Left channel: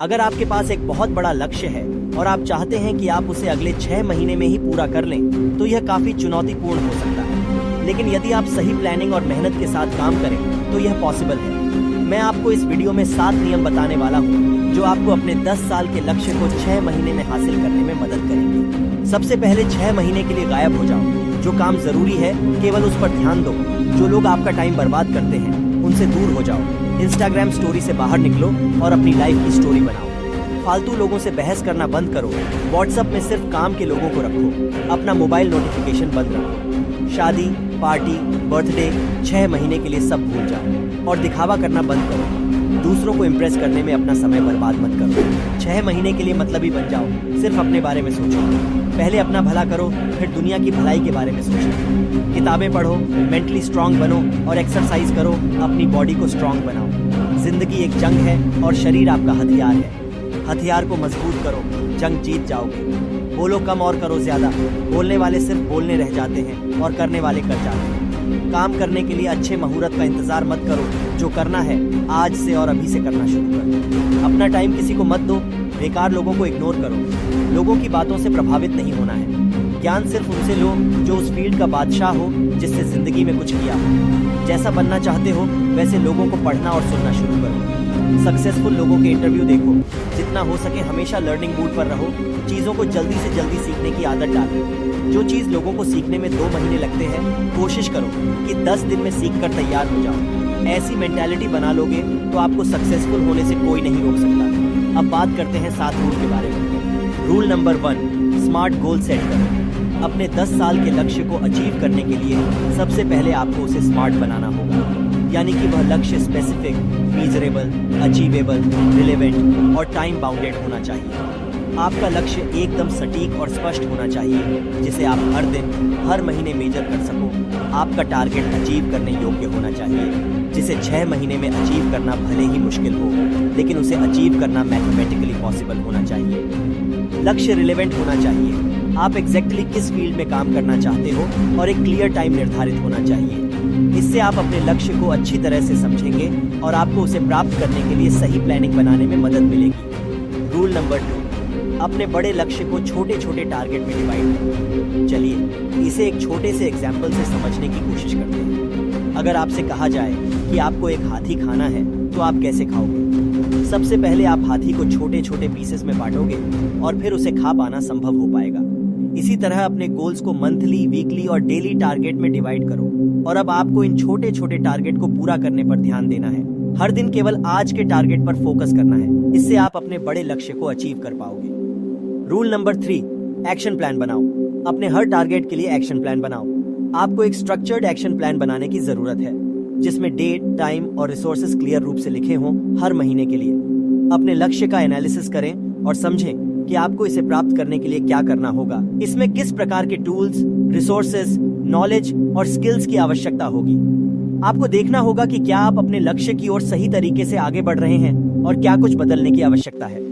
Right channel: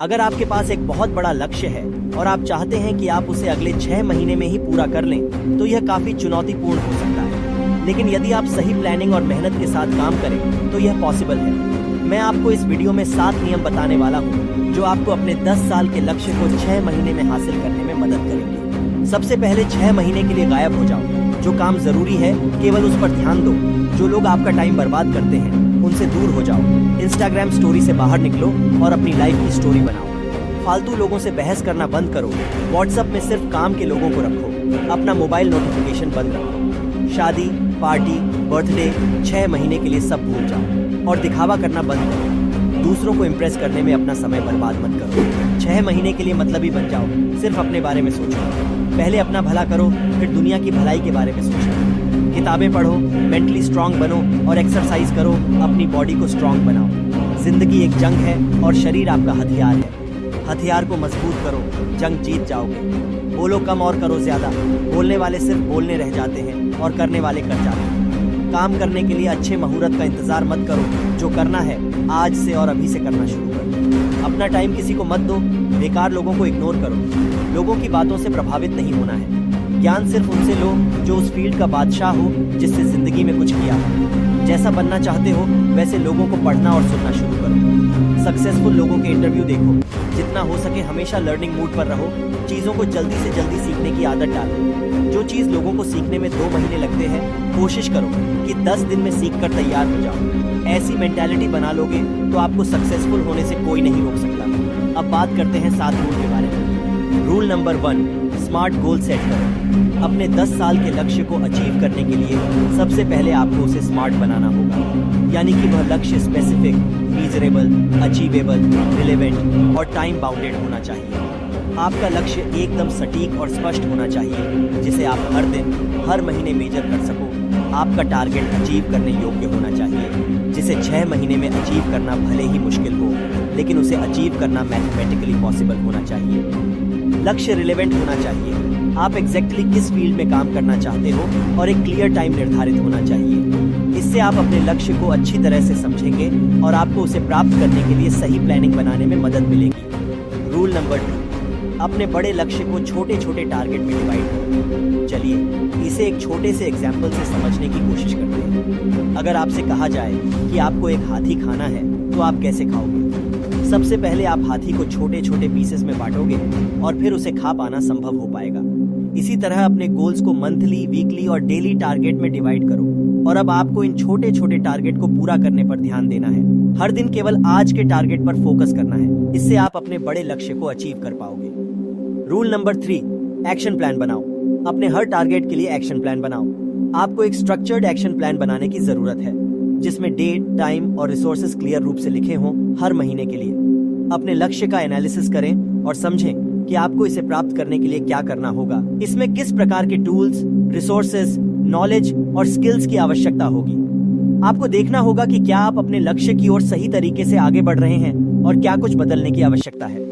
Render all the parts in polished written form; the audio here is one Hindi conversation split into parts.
अगर आपके पास एक बहुत बड़ा लक्ष्य है और आप चाहते हैं कि आप उसे अगले 6 महीने में ही पूरा कर लें, तो यह काफी चुनौतीपूर्ण हो सकता है। लेकिन यदि आप सही प्लानिंग और मेहनत के साथ काम करें तो यह पॉसिबल है। मैं आपको इस वीडियो में 7 नियम बताने वाला हूँ जो आपको अपने 10 साल के लक्ष्य को 6 महीने में हासिल करने में मदद करेंगे। सबसे पहले 6 महीने के लिए गायब हो जाओ। जो काम जरूरी है केवल उस पर ध्यान दो। जो लोग आपका टाइम बर्बाद करते हैं उनसे दूर हो जाओ। इंस्टाग्राम स्टोरी से बाहर निकलो और अपनी लाइफ की स्टोरी बनाओ। फालतू लोगों से बहस करना बंद करो। व्हाट्सएप में सिर्फ काम के लोगों को रखो। अपना मोबाइल नोटिफिकेशन बंद रखो। शादी, पार्टी, बर्थडे 6 महीने के लिए सब भूल जाओ और दिखावा करना बंद करो। दूसरों को इम्प्रेस करने में अपना समय बर्बाद मत करो। 6 महीने के लिए मतलबी बन जाओ। सिर्फ अपने बारे में सोचो। पहले अपना भला करो, फिर दुनिया की भलाई के बारे में सोचो। किताबें पढ़ो, मेंटली स्ट्रांग बनो और एक्सरसाइज करो। अपनी बॉडी को स्ट्रांग बनाओ। जिंदगी एक जंग है और शरीर आपका हथियार है। हथियार को मजबूत करो, जंग जीत जाओगे। बोलो कम और करो ज्यादा। बोलने वाले सिर्फ बोलने रह जाते हैं और करने वाले कर जाते हैं। काम करने के लिए अच्छे मुहूर्त का इंतजार मत करो। जो करना है आज से और अभी से करना शुरू करो। अपना टाइम किसी को मत दो। बेकार लोगों को इग्नोर करो। लोगों की बातों से प्रभावित नहीं होना है। ज्ञान सिर्फ उनसे लो जो उस फील्ड का बादशाह हो, जिससे जिंदगी में कुछ किया हो। जैसा बनना चाहते हो वैसे लोगों को पढ़ना और सुनना शुरू करो। सक्सेसफुल लोगों के इंटरव्यू देखो। जितना हो सके हमेशा लर्निंग मूड पर रहो। चीजों को जल्दी से जल्दी सीखने की आदत डालो। जो चीज लोगों को सीखने में 2 महीने लगते हैं, कोशिश करो कि 10 दिन में सीख कर तैयार हो जाओ। ऐसी मेंटालिटी बना लोगे तो आपको सक्सेसफुल होने से कोई नहीं रोक सकता। अब बात करते हैं 7 रूल के बारे में। Rule number 1, smart goal set करो। अपने 10 साल के लक्ष्य को अचीव करने के लिए सबसे पहले आपको उसे स्मार्ट बनाना होगा। यानी कि वह लक्ष्य स्पेसिफिक, मीजरेबल, अचीवेबल, रिलेवेंट और टाइम बाउंडेड होना चाहिए। आपका लक्ष्य एकदम सटीक और स्पष्ट होना चाहिए, जिसे आप हर दिन, हर महीने मेजर कर सको। आपका टारगेट अचीव करने योग्य होना चाहिए, जिसे 6 महीने में अचीव करना भले ही मुश्किल हो, लेकिन उसे अचीव करना मैथमेटिकली पॉसिबल होना चाहिए। लक्ष्य रिलेवेंट होना चाहिए। आप एग्जैक्टली किस फील्ड में काम करना चाहते हो और एक क्लियर टाइम निर्धारित होना चाहिए। इससे आप अपने लक्ष्य को अच्छी तरह से समझेंगे और आपको उसे प्राप्त करने के लिए सही प्लानिंग बनाने में मदद मिलेगी। रूल नंबर 2, अपने बड़े लक्ष्य को छोटे छोटे टारगेट में डिवाइड करो। चलिए इसे एक छोटे से एग्जाम्पल से समझने की कोशिश करते हैं। अगर आपसे कहा जाए कि आपको एक हाथी खाना है तो आप कैसे खाओगे? सबसे पहले आप हाथी को छोटे छोटे पीसेस में बांटोगे और फिर उसे खा पाना संभव हो पाएगा। इसी तरह अपने गोल्स को मंथली, वीकली और डेली टारगेट में डिवाइड करो और अब आपको इन छोटे छोटे टारगेट को पूरा करने पर ध्यान देना है। हर दिन केवल आज के टारगेट पर फोकस करना है। इससे आप अपने बड़े लक्ष्य को अचीव कर पाओगे। रूल नंबर 3, एक्शन प्लान बनाओ। अपने हर टारगेट के लिए एक्शन प्लान बनाओ। आपको एक स्ट्रक्चर्ड एक्शन प्लान बनाने की जरूरत है, जिसमें डेट, टाइम और रिसोर्सेज क्लियर रूप से लिखे हों हर महीने के लिए। अपने लक्ष्य का एनालिसिस करें और समझें कि आपको इसे प्राप्त करने के लिए क्या करना होगा। इसमें किस प्रकार के टूल्स, रिसोर्सेज, नॉलेज और स्किल्स की आवश्यकता होगी। आपको देखना होगा कि क्या आप अपने लक्ष्य की ओर सही तरीके से आगे बढ़ रहे हैं और क्या कुछ बदलने की आवश्यकता है।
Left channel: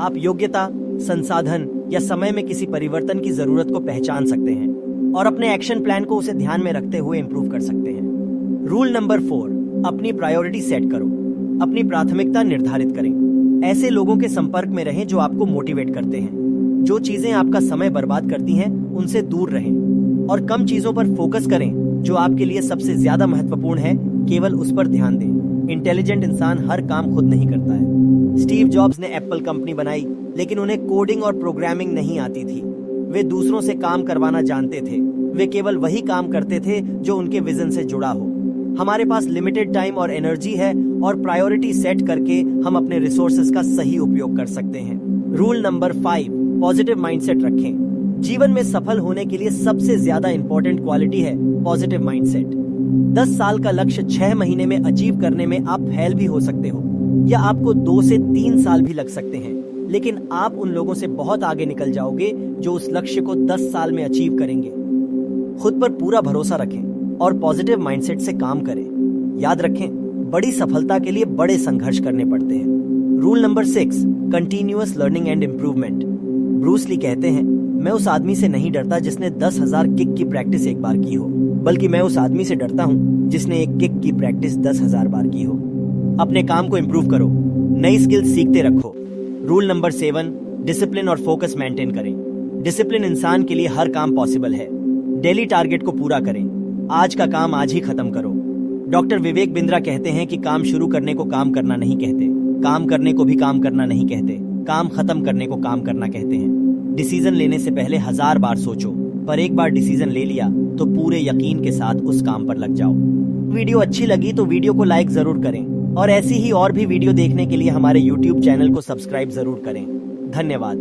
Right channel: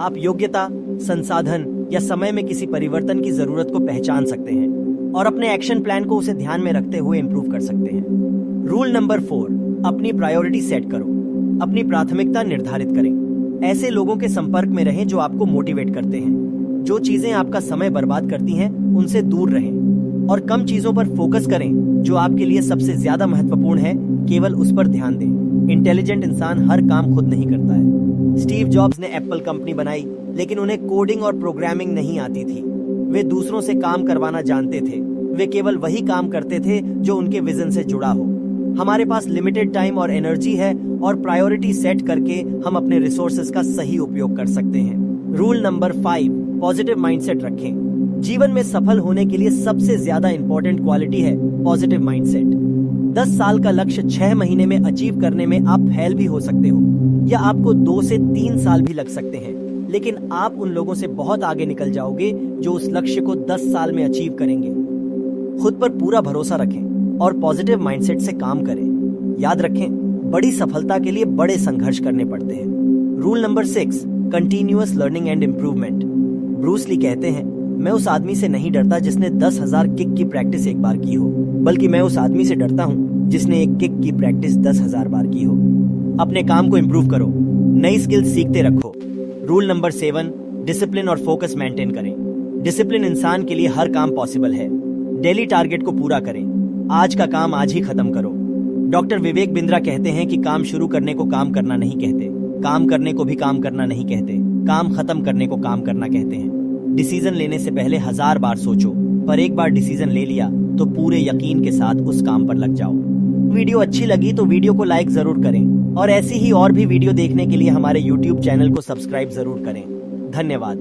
आप योग्यता, संसाधन या समय में किसी परिवर्तन की जरूरत को पहचान सकते हैं और अपने एक्शन प्लान को उसे ध्यान में रखते हुए इंप्रूव कर सकते हैं। रूल नंबर 4, अपनी प्रायोरिटी सेट करो। अपनी प्राथमिकता निर्धारित करें। ऐसे लोगों के संपर्क में रहें जो आपको मोटिवेट करते हैं। जो चीजें आपका समय बर्बाद करती हैं उनसे दूर रहें और कम चीजों पर फोकस करें। जो आपके लिए सबसे ज्यादा महत्वपूर्ण है केवल उस पर ध्यान दें। इंटेलिजेंट इंसान हर काम खुद नहीं करता है। स्टीव जॉब्स ने एप्पल कंपनी बनाई, लेकिन उन्हें कोडिंग और प्रोग्रामिंग नहीं आती थी। वे दूसरों से काम करवाना जानते थे। वे केवल वही काम करते थे जो उनके विजन से जुड़ा हो। हमारे पास लिमिटेड टाइम और एनर्जी है और प्रायोरिटी सेट करके हम अपने रिसोर्सेज का सही उपयोग कर सकते हैं। रूल नंबर 5, पॉजिटिव माइंडसेट रखें। जीवन में सफल होने के लिए सबसे ज्यादा इंपॉर्टेंट क्वालिटी है पॉजिटिव माइंडसेट। 10 साल का लक्ष्य 6 महीने में अचीव करने में आप फेल भी हो सकते हो या आपको 2 से 3 साल भी लग सकते हैं, लेकिन आप उन लोगों से बहुत आगे निकल जाओगे जो उस लक्ष्य को 10 साल में अचीव करेंगे। खुद पर पूरा भरोसा रखें और पॉजिटिव माइंडसेट से काम करें। याद रखें, बड़ी सफलता के लिए बड़े संघर्ष करने पड़ते हैं। Rule number 6, continuous learning and improvement. Bruce Lee कहते हैं, मैं उस आदमी से नहीं डरता जिसने 10,000 किक की प्रैक्टिस एक बार की हो, बल्कि मैं उस आदमी से डरता हूँ जिसने एक किक की प्रैक्टिस 10,000 बार की हो। अपने काम को इम्प्रूव करो, नई स्किल्स सीखते रखो रूल नंबर 7, डिसिप्लिन और फोकस मेंटेन करें। डिसिप्लिन इंसान के लिए हर काम पॉसिबल है। डेली टारगेट को पूरा करें। आज का काम आज ही खत्म करो। डॉक्टर विवेक बिंद्रा कहते हैं कि काम शुरू करने को काम करना नहीं कहते, काम करने को भी काम करना नहीं कहते, काम खत्म करने को काम करना कहते हैं। डिसीजन लेने से पहले 1000 बार सोचो, पर एक बार डिसीजन ले लिया तो पूरे यकीन के साथ उस काम पर लग जाओ। वीडियो अच्छी लगी तो वीडियो को लाइक जरूर करें और ऐसी ही और भी वीडियो देखने के लिए हमारे YouTube चैनल को सब्सक्राइब जरूर करें। धन्यवाद।